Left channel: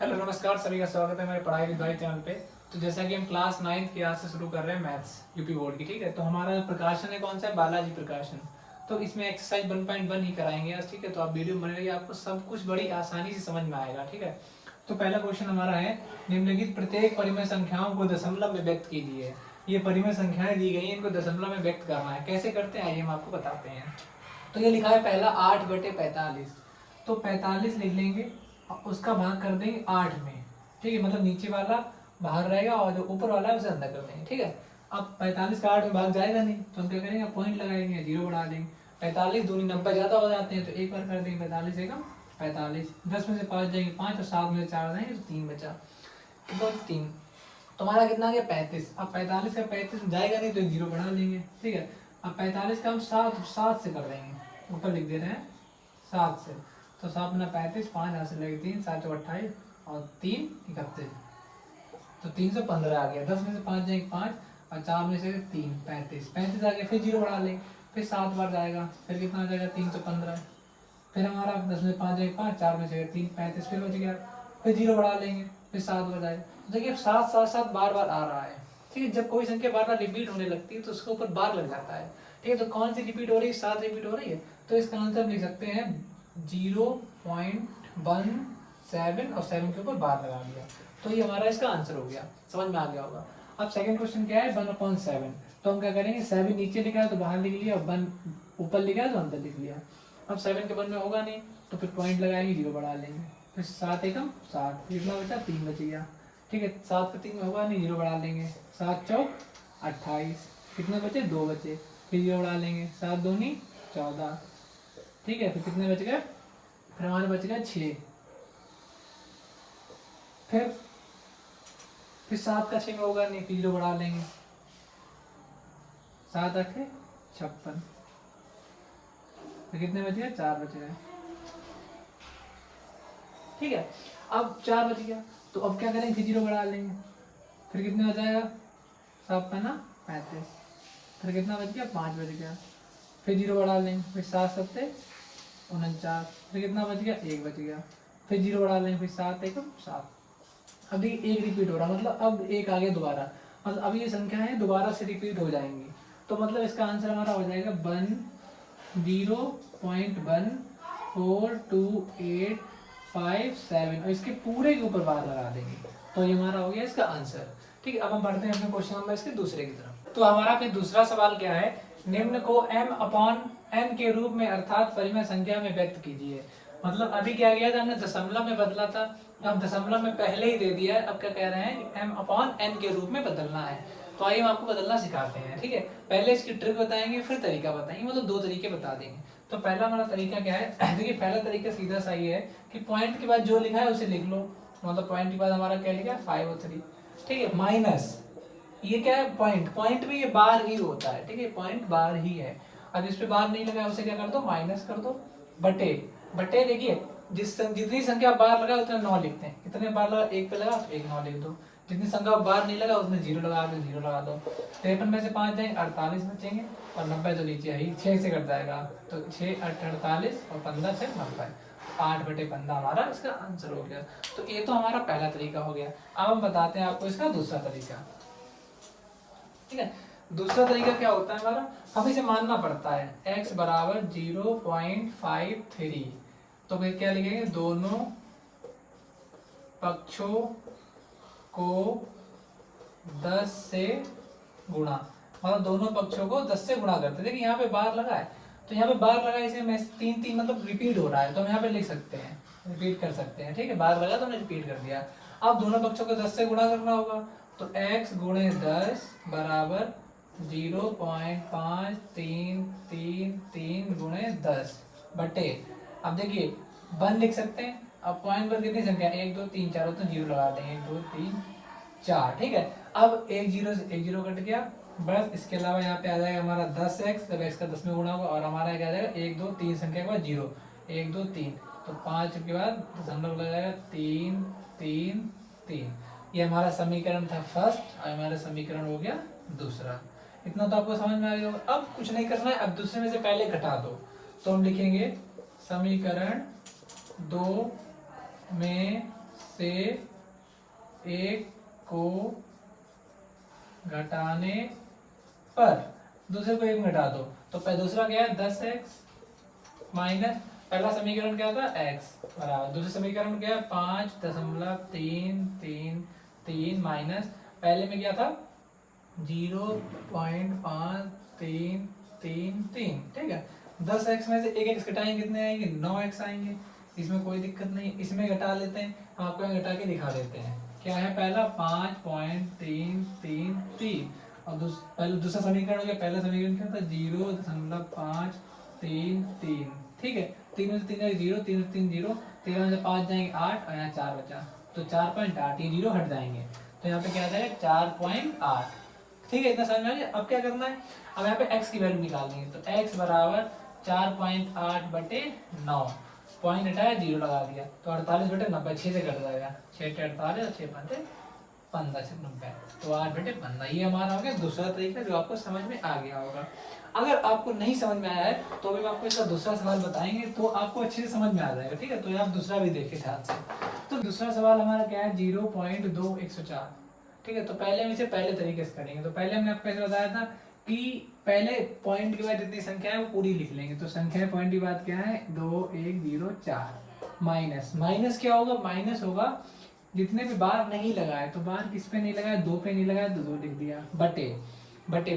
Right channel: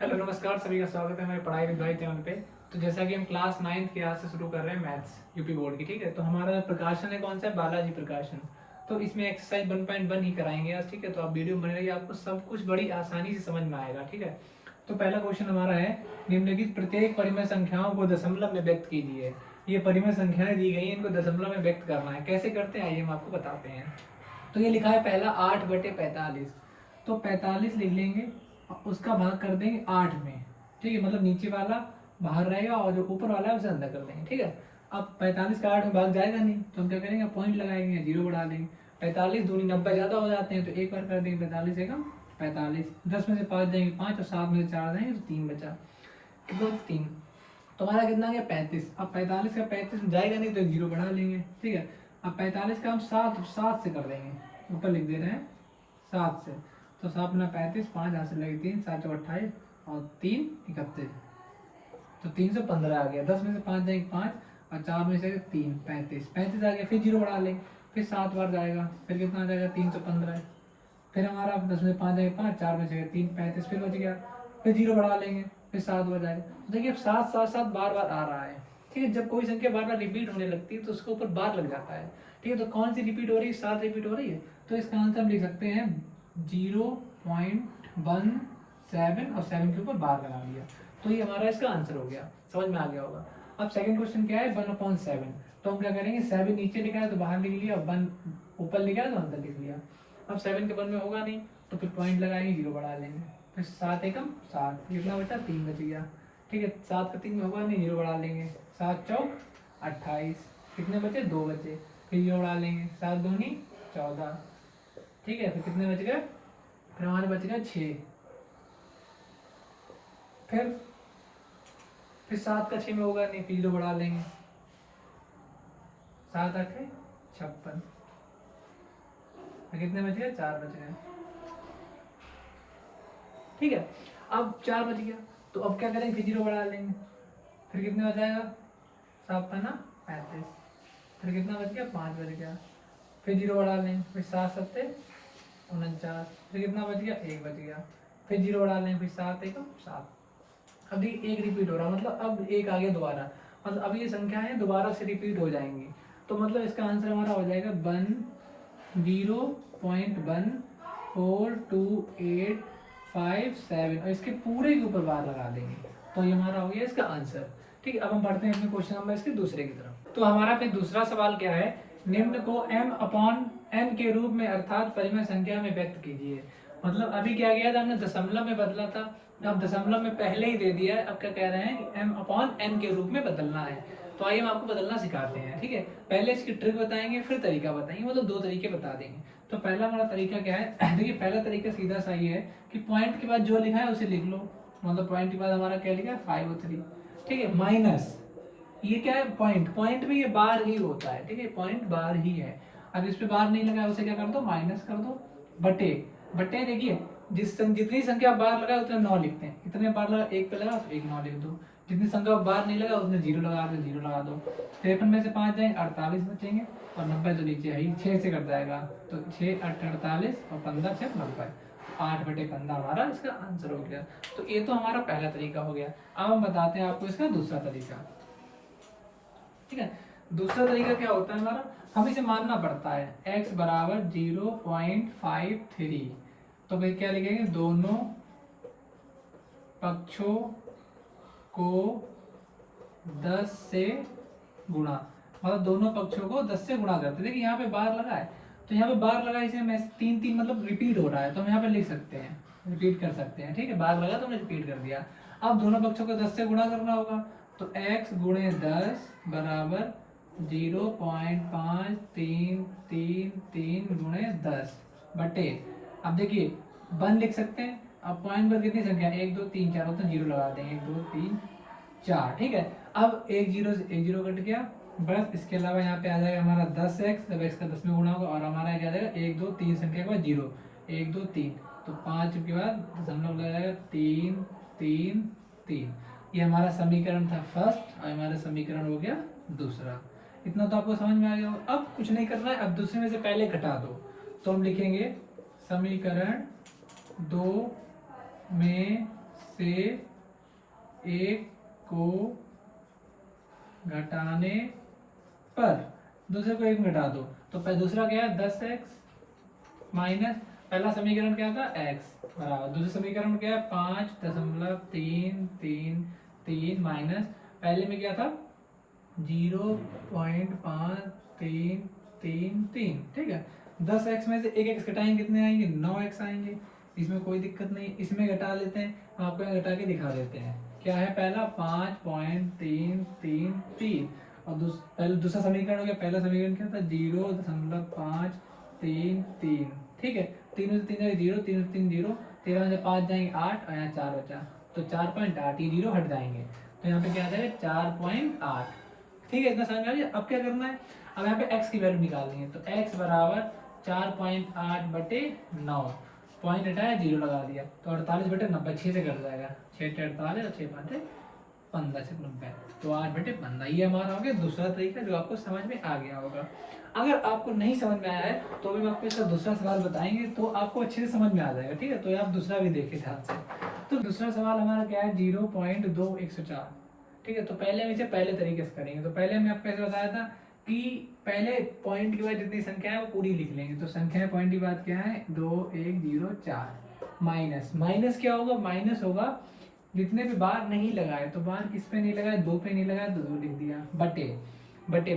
Hello नमस्कार, सभी का स्वागत है मेरे पढ़ाई विद भाई चैनल पे। तो जैसा कि हम क्लास 9th की आज से शुरू कर रहे हैं मैथ्स यूपी बोर्ड की, ठीक है। तो हमारा प्रकाशन है कौन सा है, बालाजी प्रकाशन। तो इसमें एक्सरसाइज 1.1 ही कराएंगे आज, ठीक है। तो आप वीडियो बने रहिए, आपको सब कुछ बड़ी आसानी से समझ में आएगा, ठीक है। तो पहला क्वेश्चन हमारा है, निम्नलिखित प्रत्येक परिमेय संख्याओं को दशमलव में व्यक्त कीजिए। ये परिमेय संख्याएं दी गई हैं, इनको दशमलव में व्यक्त करना है। कैसे करते हैं आइए हम आपको बताते हैं। तो ये लिखा है पहला 8/45, तो 45 लिख लेंगे, उसका भाग कर देंगे 8 में, ठीक है। मतलब नीचे वाला बाहर रहेगा और जो ऊपर वाला है उसे अंदर कर देंगे, ठीक है। अब 45 का 8 में भाग जाएगा नहीं, तो हम क्या करेंगे, पॉइंट लगाएंगे, जीरो बढ़ा देंगे। 45 दूनी 90 ज़्यादा हो जाते हैं, तो एक बार कर देंगे 45 एकम 45। 10 में से 5 जाएंगे 5 और 7 में से 4 जाएंगे तो 3 बचा। कितना 3, तो हमारा कितना आ गया 35। अब 45 का 35 में जाएगा नहीं तो एक जीरो बढ़ा लेंगे, ठीक है। अब 45 का हम 7 से कर देंगे, ऊपर लिख दे रहे हैं 7 से। तो 7 गुना 35, 5 यहाँ से लगे 3, 7 चौ 28 और 3 31, तो 315 आ गया। 10 में से 5 जाएंगे 5 और 4 में से 3 35, 35 आ गया। फिर जीरो बढ़ा लेंगे, फिर 7 बार जाएगा, फिर कितना आ जाएगा 315। फिर हमारा 10 में 5 जाएगा 5, 4 में से 3 35, फिर बच गया। फिर जीरो बढ़ा लेंगे, फिर 7 बार जाएगा। तो देखिए 7 7 7 बार बार आ रहा है, ठीक है। जब कोई संख्या बार बार रिपीट होने लगती है तो उसके ऊपर बार लग जाता है, ठीक है। तो कौन सी रिपीट हो रही है, 7 रिपीट हो रही है। तो इसका आंसर हम लिख सकते हैं 0.17 और 7 के ऊपर बार लगा दिया, तो ये हमारा इसका आंसर हो गया। समझ में आ गया होगा। अब सेकंड क्वेश्चन क्या है, 1/7। तो हम क्या करेंगे, 7 नीचे लिखा है तो बाहर लिख लिया, और 1 ऊपर लिखा है तो अंदर लिख लिया। अब 7 के 1 में होगा नहीं, तो फिर पॉइंट लगाएंगे, जीरो बढ़ा लेंगे। फिर 7 एकम 7, कितना बचा 3 बच गया, ठीक है। 7 का 3 में होगा नहीं, जीरो बढ़ा लेंगे। 7 चौक 28, कितने बचे 2 बचे, फिर जीरो बढ़ा लेंगे। 7 दूनी 14, ठीक है। फिर कितने बच गए, फिर हमारे बच गए 6। फिर 7 का 6 में होगा नहीं, फिर जीरो बढ़ा लेंगे। 7 8 56, फिर कितने बच गए 4 बच गए, ठीक है। अब 4 बच गया, तो अब क्या करेंगे, फिर जीरो बढ़ा लेंगे। फिर कितने हो जाएगा 7 5 35, फिर कितना बच गया 5 बच गया। फिर जीरो बढ़ा लेंगे, फिर 7 7 49, फिर कितना बच गया 1 बच गया। फिर जीरो बढ़ा लेंगे, फिर 7 एकम 7। अब देखिए 1 रिपीट हो रहा, मतलब अब 1 आ गया दोबारा, मतलब अब ये संख्याएं दोबारा से रिपीट हो जाएंगी। तो मतलब इसका आंसर हमारा हो जाएगा 0.14285 और इसके पूरे के ऊपर बार लगा देंगे, तो ये हमारा हो गया इसका आंसर, ठीक है। अब हम बढ़ते हैं अपने क्वेश्चन नंबर इसके दूसरे की तरफ। तो हमारा फिर दूसरा सवाल क्या है, निम्न को m/n के रूप में अर्थात परिमेय संख्या में व्यक्त कीजिए। मतलब अभी क्या किया था हमने, दशमलव में बदला था, अब दशमलव में पहले ही दे दिया है। अब क्या कह रहे हैं कि m/n के रूप में बदलना है। तो आइए हम आपको बदलना सिखाते हैं, ठीक है। पहले इसकी ट्रिक बताएंगे, फिर तरीका बताएंगे, मतलब 2 तरीके बता देंगे। तो पहला हमारा तरीका क्या है देखिए, पहला तरीका सीधा सा ये है कि पॉइंट के बाद जो लिखा है उसे लिख लो। मतलब पॉइंट के बाद हमारा क्या लिखा है 503, ठीक है, माइनस ये क्या है पॉइंट, पॉइंट में ये बार ही होता है, ठीक है, पॉइंट बार ही है। अब इस पे बार नहीं लगा उसे क्या कर दो, माइनस कर दो, बटे बटे देखिए जितनी संख्या बार लगा उतने 9 लिखते हैं, इतने बार लगा 1 पे लगा तो 1 9 लिख दो। जितनी संख्या बार नहीं लगा उसमें जीरो लगा दो, जीरो लगा दो। 53 में से 5 जाएंगे 48 बचेंगे, और 90 तो नीचे है ही, 6 से कट जाएगा, तो 6 8 48 और 15 6 90, 8/15 हमारा इसका आंसर हो गया। तो ये तो हमारा पहला तरीका हो गया। अब हम बताते हैं आपको इसका दूसरा तरीका, ठीक है। दूसरा तरीका क्या होता है हमारा, हमें इसे मानना पड़ता है x बराबर 0.53, तो फिर क्या लिखेंगे, दोनों पक्षों को 10 से गुणा, मतलब दोनों पक्षों को 10 से गुणा करते। देखिए यहाँ पे बार लगा है, तो यहाँ पे बार लगा इसे मैं 3 3 मतलब रिपीट हो रहा है, तो हम यहाँ पे लिख सकते हैं, रिपीट कर सकते हैं, ठीक है। बार लगा तो हमने रिपीट कर दिया। अब दोनों पक्षों को 10 से गुणा करना होगा, तो x गुणे 10 बराबर 0.5333 गुणे 10 बटे, अब देखिए 1 लिख सकते हैं। अब पॉइंट पर कितनी संख्या 1 2 3 4 तो जीरो लगा देंगे, 1 2 3 4, ठीक है। अब एक जीरो से एक जीरो कट गया, बस इसके अलावा यहाँ पे आ जाएगा हमारा 10x, जब x का 10 में गुणा होगा, और हमारा क्या आ जाएगा 1 2 3 संख्या के बाद जीरो, 1 2 3, तो 5 के बाद दशमलव लगाएगा 3 3 3। ये हमारा समीकरण था फर्स्ट, और हमारा समीकरण हो गया दूसरा। इतना तो आपको समझ में आ गया होगा। अब कुछ नहीं करना है, अब दूसरे में से पहले घटा दो, तो हम लिखेंगे समीकरण 2 में से एक को घटाने पर दूसरे को एक घटा दो, तो दूसरा क्या है 10x माइनस पहला समीकरण क्या था x बराबर, दूसरा समीकरण क्या है 5.333 माइनस पहले में क्या था 0.5333, ठीक है। 10x में से एक x घटाएंगे कितने आएंगे 9x आएंगे, इसमें कोई दिक्कत नहीं, इसमें घटा लेते हैं, हम आपको यहाँ घटा के दिखा देते हैं। क्या है पहला 5.333 और पहले दूसरा समीकरण हो गया, पहला समीकरण क्या था 0.533, ठीक है। 3 में से 3 0, 3 में 3 0, 13 में से 5 जाएंगे 8 और यहाँ 4 बचा, तो 4.8, ये 0 हट जाएंगे, तो यहाँ पे क्या आ जाएगा 4.8, ठीक है। इतना समझ में आ गया। अब क्या करना है, अब यहाँ पे x की वैल्यू निकालेंगे, तो x बराबर 4.8/9, पॉइंट हटाया 0 लगा दिया, तो 48/90 6 से कट जाएगा, 6 से 48 और 6 5 15 से 90, तो 8/15। ये हमारा हो गया दूसरा तरीका जो आपको समझ में आ गया होगा। अगर आपको नहीं समझ में आया है तो अभी हम आपको इसका दूसरा सवाल बताएंगे, तो आपको अच्छे से समझ में आ जाएगा, ठीक है। तो आप दूसरा भी देखिए ध्यान से। तो दूसरा सवाल हमारा क्या है 0.2104, ठीक है। तो पहले हम इसे पहले तरीके से करेंगे। तो पहले हमने आपको कैसे बताया था कि पहले पॉइंट के बाद जितनी संख्या है वो पूरी लिख लेंगे। तो संख्या पॉइंट की बात क्या है 2104 माइनस, माइनस क्या होगा, माइनस होगा जितने भी बार नहीं लगाए, तो बार किस पे नहीं लगाए 2 पे नहीं लगाए तो 2 लिख दिया, बटे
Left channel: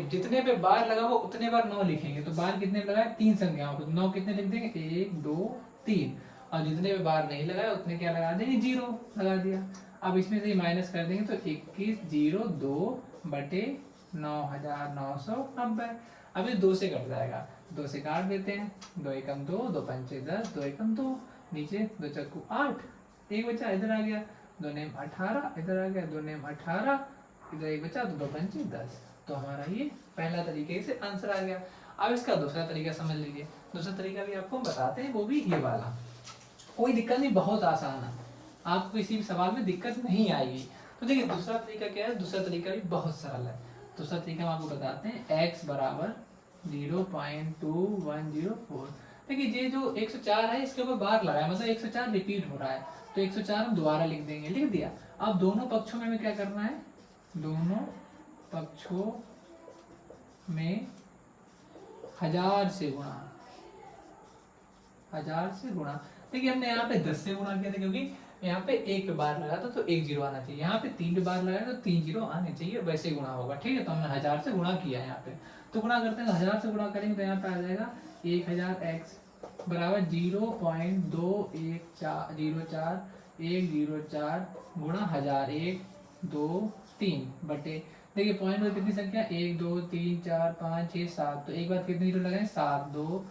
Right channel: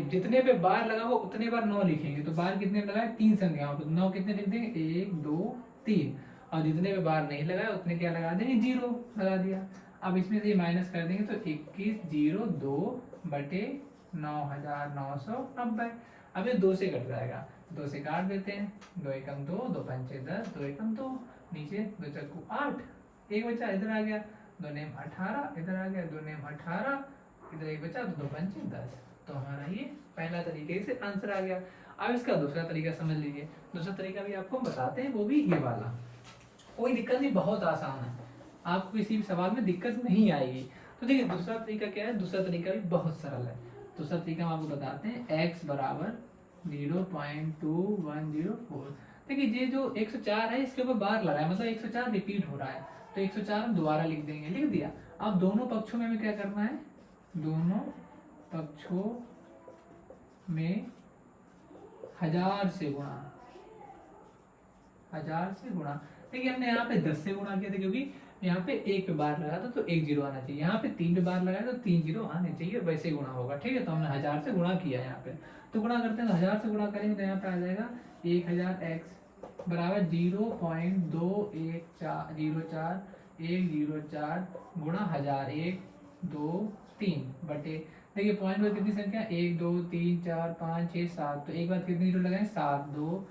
जितने पे बार लगा वो उतने बार 9 लिखेंगे, तो बार कितने लगाए 3 संख्याओं पे, 9 कितने लिख देंगे 1 2 3, और जितने पे बार नहीं लगाए उतने क्या लगा देंगे 0 लगा दिया। अब इसमें से माइनस कर देंगे तो 2102/9990। अब ये 2 से कट जाएगा, 2 से काट देते हैं, 2 एकम 2, 2 पंचे 10, 2 एकम 2, नीचे 2 चक्कू 8, एक बचा इधर आ गया, 2 नेम 18 इधर आ गया, 2 नेम 18 इधर एक बचा, तो 2 पंचे 10। तो हमारा ये पहला तरीके से आंसर आ गया। अब इसका दूसरा तरीका समझ लीजिए। दूसरा तरीका भी आपको बताते हैं, वो भी ये वाला, कोई दिक्कत नहीं, बहुत आसान है, आपको किसी भी सवाल में दिक्कत नहीं आएगी। तो देखिए दूसरा तरीका क्या है, दूसरा तरीका भी बहुत सरल है। दूसरा तरीका हम आपको बताते हैं, x बराबर 0.2104। देखिए ये जो 104 है इसके ऊपर बार लगाए, मतलब 104 रिपीट हो रहा है, तो 104 हम दोबारा लिख देंगे, लिख दिया। अब दोनों पक्षों में हमें क्या करना है, दोनों पक्षों में 1000 से गुणा, 1000 से गुणा। देखिए हमने यहाँ पे 10 से गुणा किया था क्योंकि यहाँ पे 1 पे बार लगा था तो 1 0 आना चाहिए, यहाँ पे 3 पे बार लगाया तो 3 0 आने चाहिए, वैसे गुणा होगा, ठीक है। तो हमने 1000 से गुणा किया यहाँ पे, तो गुणा करते हैं, तो 1000 से गुणा करेंगे तो यहाँ पे आ जाएगा 1000x बराबर 0.21404 गुणा 1000, 1 2 3 बटे, देखिए पॉइंट में कितनी संख्या 1 2 3 4 5 6 7, तो एक बार कितनी जीरो लगाए 7 2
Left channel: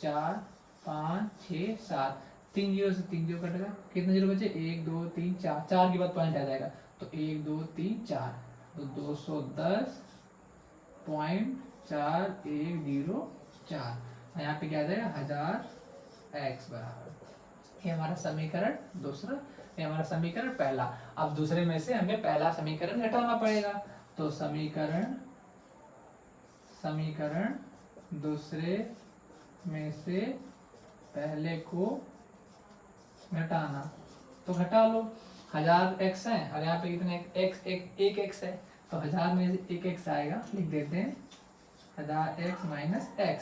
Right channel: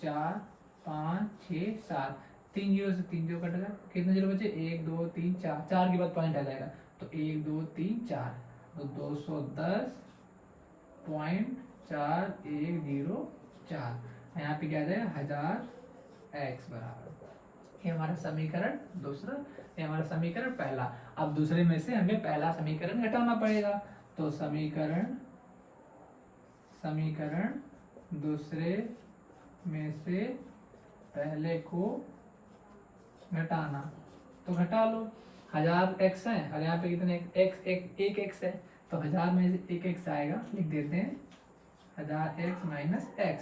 4 5 6 7, 3 जीरो से 3 जीरो कट गया, कितने जीरो बचे 1 2 3 4, 4 के बाद पॉइंट आ जाएगा, तो 1 2 3 4, तो 210.4104, यहाँ पे क्या आ जाएगा 1000x बराबर, ये हमारा समीकरण दूसरा, ये हमारा समीकरण पहला। अब दूसरे में से हमें पहला समीकरण घटाना पड़ेगा, तो समीकरण दूसरे में से पहले को घटाना, तो घटा लो, 1000x है और यहाँ पे कितने x, एक x है, तो 1000 में से एक x आएगा, लिख देते हैं 1000x माइनस x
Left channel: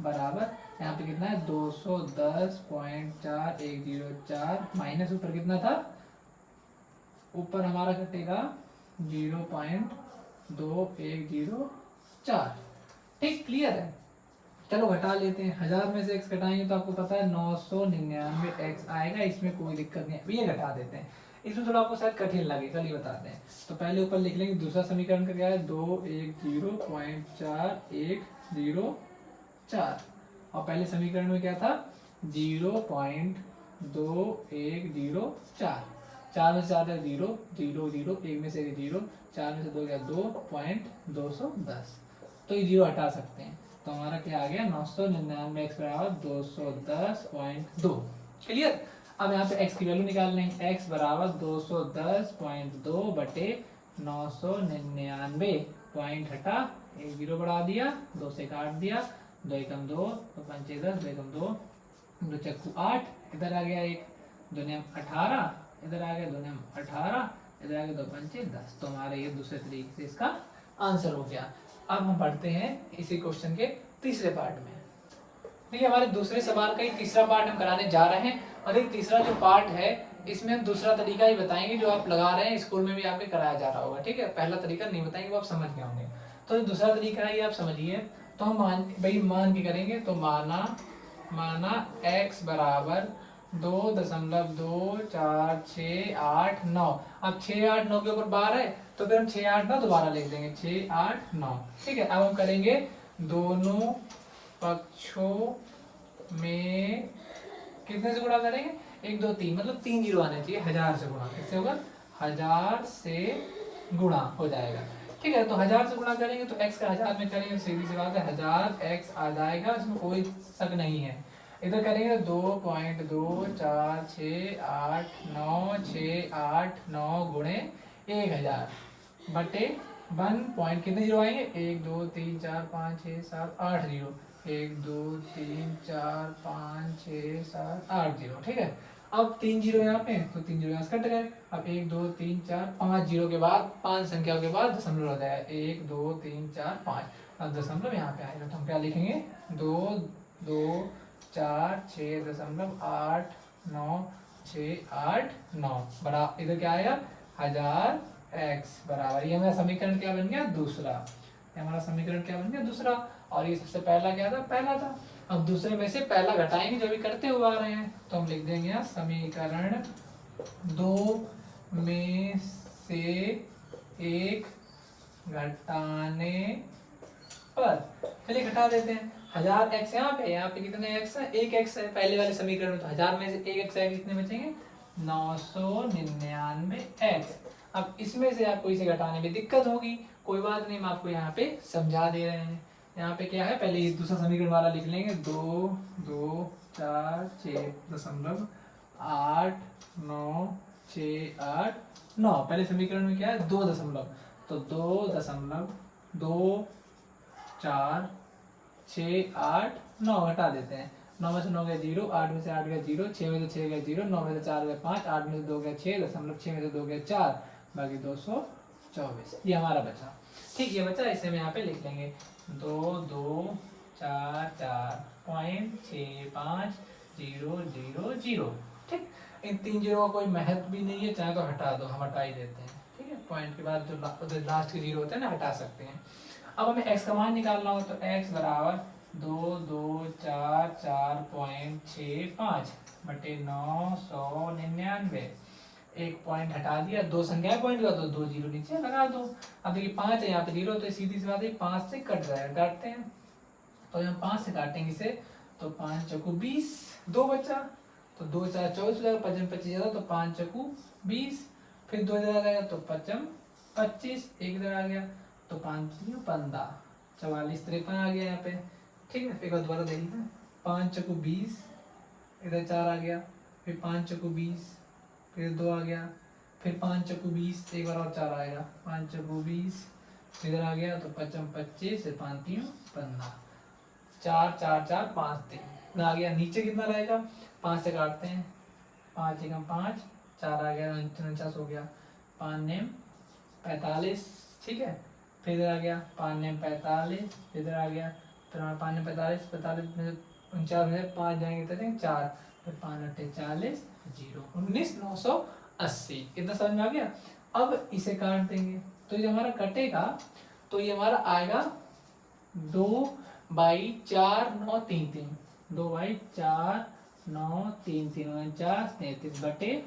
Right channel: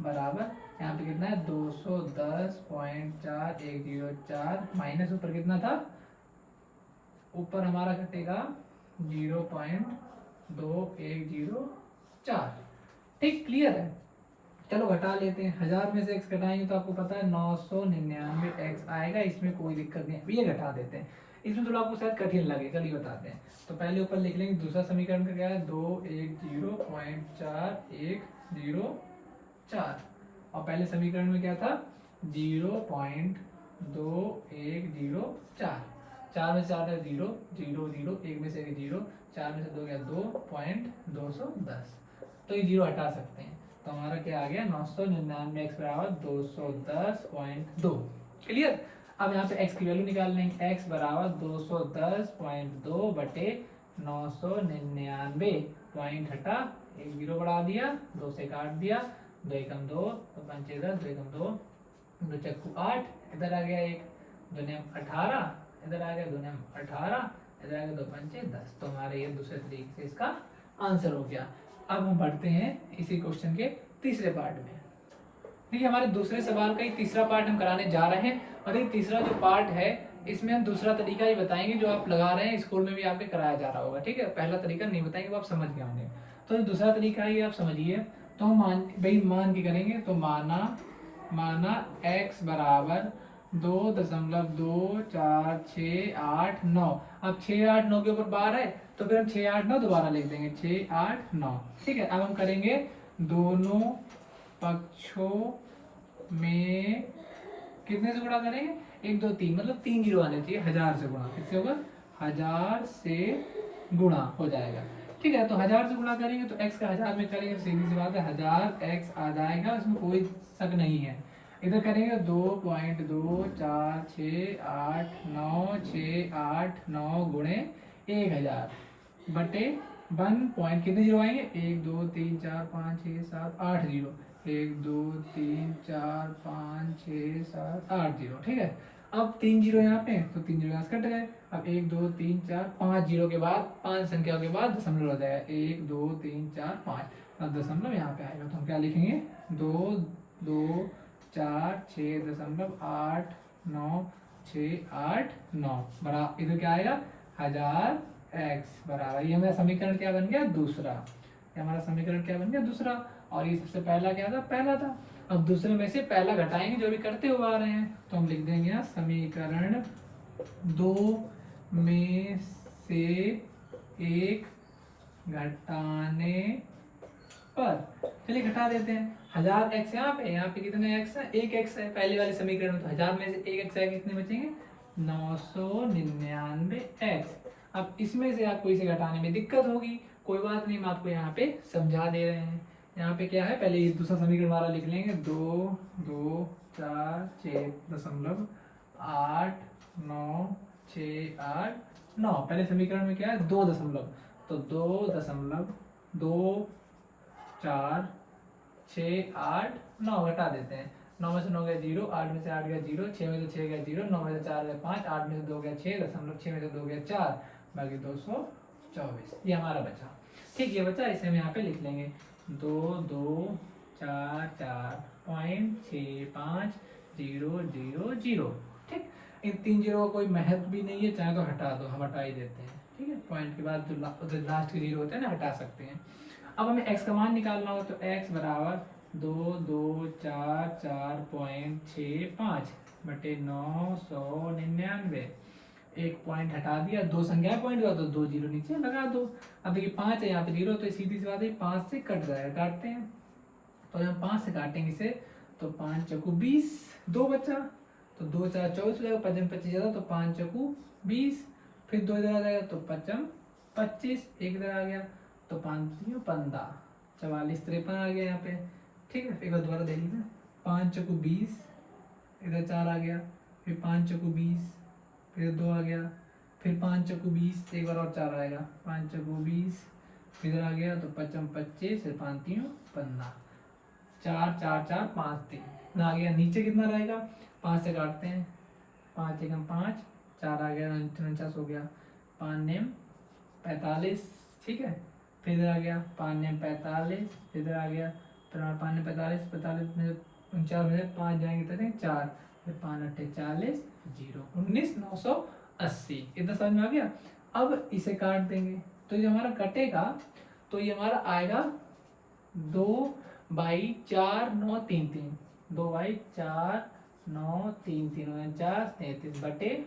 बराबर, यहाँ पे कितना है 210.4104 माइनस ऊपर कितना था, ऊपर हमारा घटेगा 0.2104, ठीक क्लियर है। चलो घटा लेते हैं, 1000 में से x घटाएंगे तो आपको पता है 999x आएगा, इसमें कोई दिक्कत नहीं है, ये घटा देते हैं। इसमें थोड़ा आपको शायद कठिन लगे, चलिए बताते हैं। तो पहले ऊपर लिख लेंगे, दूसरा समीकरण का क्या है 210.4104, और पहले समीकरण में क्या था 0.2104, 4 में से 4 है 0 0 0, 1 में से 0, 4 में से 2 गया 2.210, तो ये 0 हटा सकते हैं, तो हमारा क्या आ गया 999x बराबर 210.2, क्लियर। अब यहाँ पे x की वैल्यू निकाल लेंगे, x बराबर 210.2 बटे 999, पॉइंट हटा 1 0 बढ़ा दिया, 2 से काट दिया, 2 एकम 2, 2 पंचे 10, 2 एकम 2, 2 चक्कू 8, इधर आ गया 1, 2 नेम 18, इधर आ गया 2 ने 18, इधर आ गया 2 पंचे 10। तो हमारे ये दूसरे तरीके से इसका आंसर हो गया। अब हम बढ़ते हैं इसी क्वेश्चन के तीसरे पार्ट में। देखिए हमारे दूसरे सवाल का ही तीसरा पार्ट हम कराने जा रहे हैं, और ये तीसरा जो पार्ट है इसमें हम दूसरा तरीका ही बताएंगे जो आप लगा रहे हैं, स्कूल में भी आपके कराया जा रहा होगा, ठीक है। पहला तरीका नहीं बताएंगे, वो आप समझ गए होंगे। तो दूसरा तरीका है, आप समझिए। तो हम मान के करेंगे। तो माना x बराबर 2.24689। अब 6 8 9 के ऊपर बार है, तो फिर हम 6 8 9 दोबारा लिख देंगे, 6 8 9, ठीक है। अब हम करेंगे दोनों पक्षों में कितने से गुणा करेंगे, 1 2 3, मतलब 3 जीरो आने चाहिए, 1000 से गुणा। किससे होगा, 1000 से गुणा हो जाएगा, ठीक है। तो 1000 से गुणा करेंगे तो x का 1000 में करेंगे, सीधी सी बात है 1000 x आ जाएगा, इसमें कोई शक नहीं है। इधर करेंगे 2.24689 गुणे 1000 बटे 1 पॉइंट, कितने जीरो आएंगे, 1 2 3 4 5 6 7 8 जीरो, 1 2 3 4 5 6 7 8 जीरो, ठीक है। अब 3 जीरो यहाँ पे, तो 3 जीरो यहाँ से कट गए। अब 1 2 3 4 5 जीरो के बाद, 5 संख्या के बाद दशमलव हो जाएगा, 1 2 3 4 5। अब दशमलव यहाँ पे आएगा, तो हम क्या लिखेंगे, 2 2 4 6.89689 बड़ा, इधर क्या आएगा 1000 x बराबर, ये हमारा समीकरण क्या बन गया, दूसरा। ये हमारा समीकरण क्या बन गया, दूसरा। और ये सबसे पहला क्या था, पहला था। अब दूसरे में से पहला घटाएंगे, जो भी करते हुए आ रहे हैं, तो हम लिख देंगे यहाँ समीकरण 2 में से एक घटाने पर, चलिए घटा देते हैं। 1000 x यहाँ पे कितने x है, 1 x है पहले वाले समीकरण में, तो 1000 में से 1 x है, कितने बचेंगे, 999 x। अब इसमें से आपको इसे घटाने में दिक्कत होगी, कोई बात नहीं, हम आपको यहाँ पे समझा दे रहे हैं। यहाँ पे क्या है, पहले ये दूसरा समीकरण वाला लिख लेंगे, 2 2 4 6.89689। पहले समीकरण में क्या है, 2 दशमलव, तो 2.24689 घटा देते हैं। 9 में से 9 गया 0, 8 में से 8 गया 0, 6 में से 6 गया 0, 9 में से 4 गया 5, 8 में से 2 गया 6, 6 में से 2 गया 4, बाकी 224। ये हमारा बचा, ठीक, ये बचा, इसे हम यहाँ पे लिख लेंगे 2244.6500, ठीक। इन 3 जीरो का कोई महत्व भी नहीं है, चाहे तो हटा दो, हम हटा ही देते हैं, ठीक है। पॉइंट के बाद जो लास्ट के जीरो होते हैं ना, हटा सकते हैं। अब हमें x का मान निकालना हो, तो x बराबर 2244.65 बटे 999। एक पॉइंट हटा दिया, 2 संख्या पॉइंट हुआ तो 2 जीरो नीचे लगा दो। अब देखिए 5 है यहाँ पे 0, तो सीधी सी बात है 5 से कट जाएगा, काटते हैं। तो हम 5 से काटेंगे इसे, तो 5 चौकू 20, 2 बचा, तो 2 4 24 हो जाएगा, 5 25 ज्यादा, तो 5 चौकू 20, फिर 2 इधर आ जाएगा, तो 5 25, एक इधर आ गया, तो 5 3 15, 44 53 आ गया यहाँ पे, ठीक है। एक बार दोबारा देख लेते हैं, 5 चौकू 20, इधर 4 आ गया, फिर 5 चौकू 20, फिर 2 आ गया, फिर 5 चौकू 20, एक बार और 4 आएगा, 5 चौकू 20, इधर आ गया, तो 5 25, फिर 5 3 15, 4 4 4 5 3 आ गया। नीचे कितना रहेगा, 5 से काटते हैं, 5 एकम 5, 4 आ गया, 49 हो गया, 5 नेम 45, ठीक है। फिर इधर आ गया 5 नेम 45, इधर आ गया, फिर 5 नेम 45, 45 में 49 में 5 जाएंगे तो 4, फिर 5 8 40, 0 19,980। इतना समझ में आ गया। अब इसे काट देंगे, तो ये हमारा कटेगा, तो ये हमारा आएगा 2/4,933, 2/4,933, 49 बटे,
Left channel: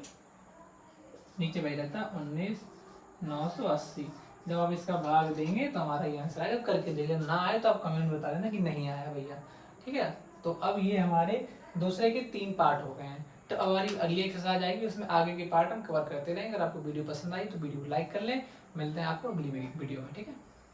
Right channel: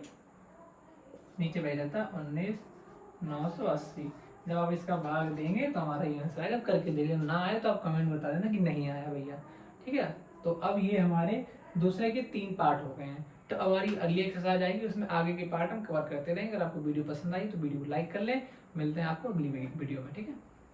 नीचे बह जाता 19,980। जब आप इसका भाग देंगे तो हमारा ये आंसर आएगा। करके देखिए, ना आए तो आप कमेंट बता देना कि नहीं आया भैया, ठीक है। तो अब ये हमारे दूसरे के 3 पार्ट हो गए हैं। तो अब हमारी अगली एक्सरसाइज आएगी, उसमें आगे के पार्ट हम कवर करते रहेंगे। अगर आपको वीडियो पसंद आई तो वीडियो को लाइक कर लें। मिलते हैं आपको अगली वीडियो में, ठीक है।